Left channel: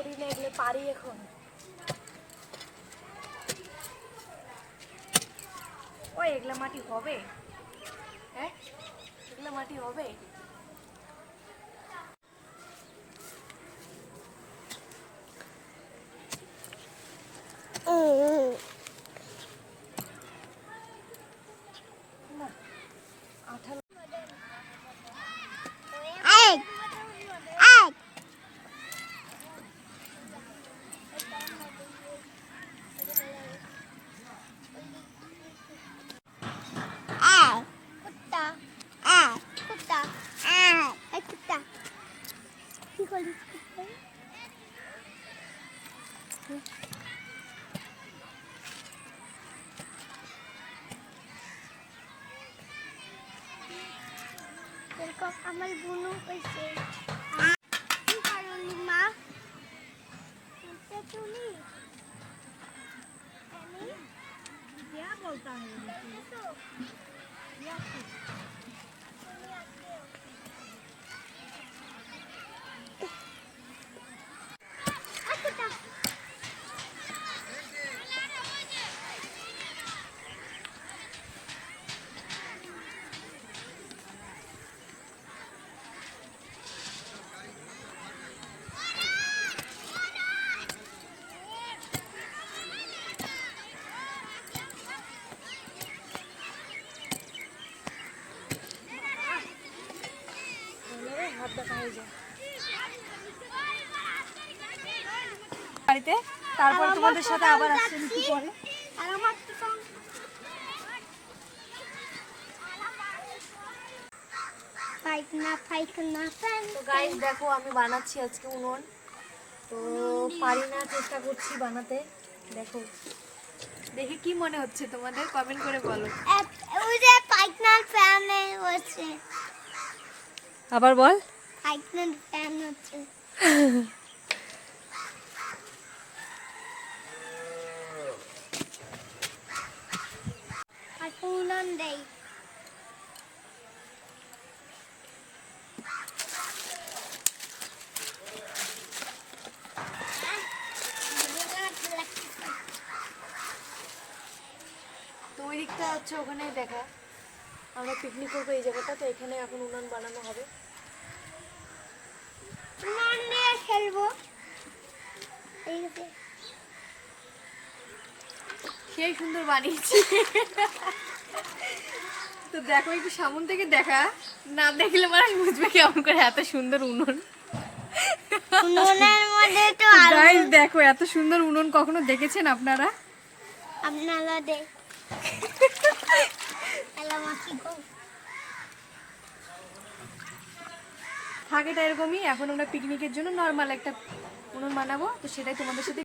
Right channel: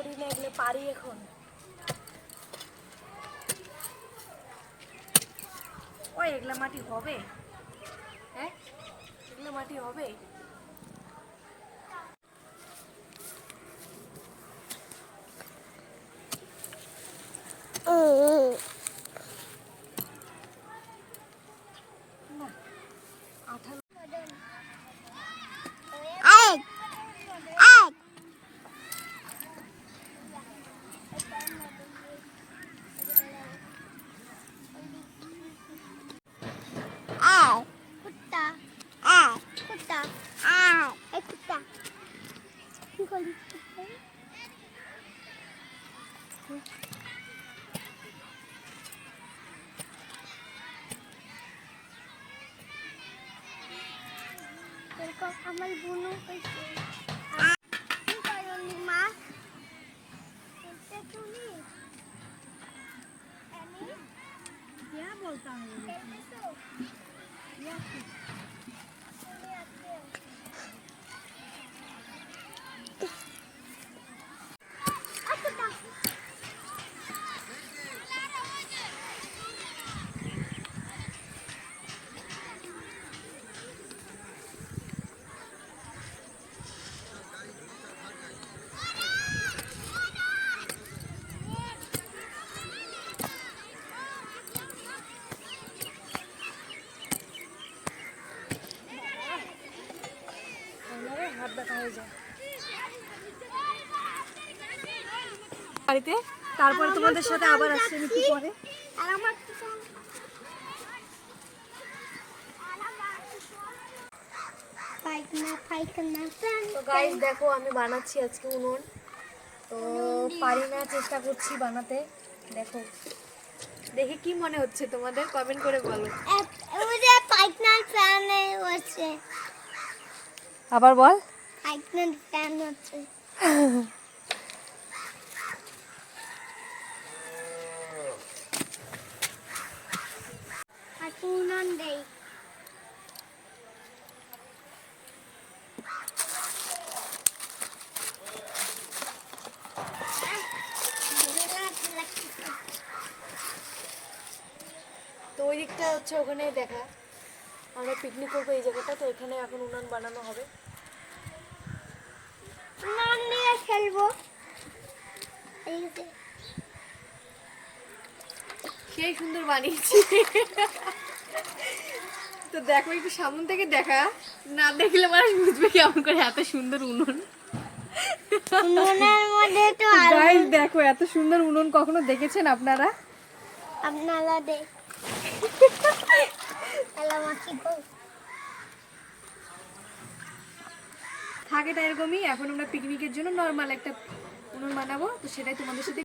করি না, এগুলো পারি এখন। ওই এগুলো মাটি হবে? হ্যাঁ, এগুলো মাটি হবে? আমার বোনও কইছে কি করলি মা তুমি क्या बोलता है বাড়িতে, তারপর তোমাদের সাথে আবার আসছি একটু পরে। তো গাইস দেখো আমি বানাচ্ছি আজকে উনুন, তো পারি না, চেষ্টা করছি বানাতে। দেখো, দেখে কি মনে হচ্ছে তোমাদের, কমেন্ট করে বলো। আবার বল। তো ওই দিকটা হচ্ছে ওখানে দেখা, আমরা পিকনিক করবো এই জায়গাটা, তো এখানে এখন উনুন বানানো হবে। খেলবো সেই সুন্দর বানিয়েছি। তো দেখো একটু সামনে থেকে দেখা, না দেখলে মানুষ বুঝবে কেমন করে এত সুন্দর উনুন। গাইস দেখো এত সুন্দর উনুন কখনো দেখেছেন আপনারা? থাকেটা এরকমই। এখন আমরা পিকনিকের জন্য নর্মাল একটা উনুন বানাবো, তো সেটাই তোমাদের সাথে।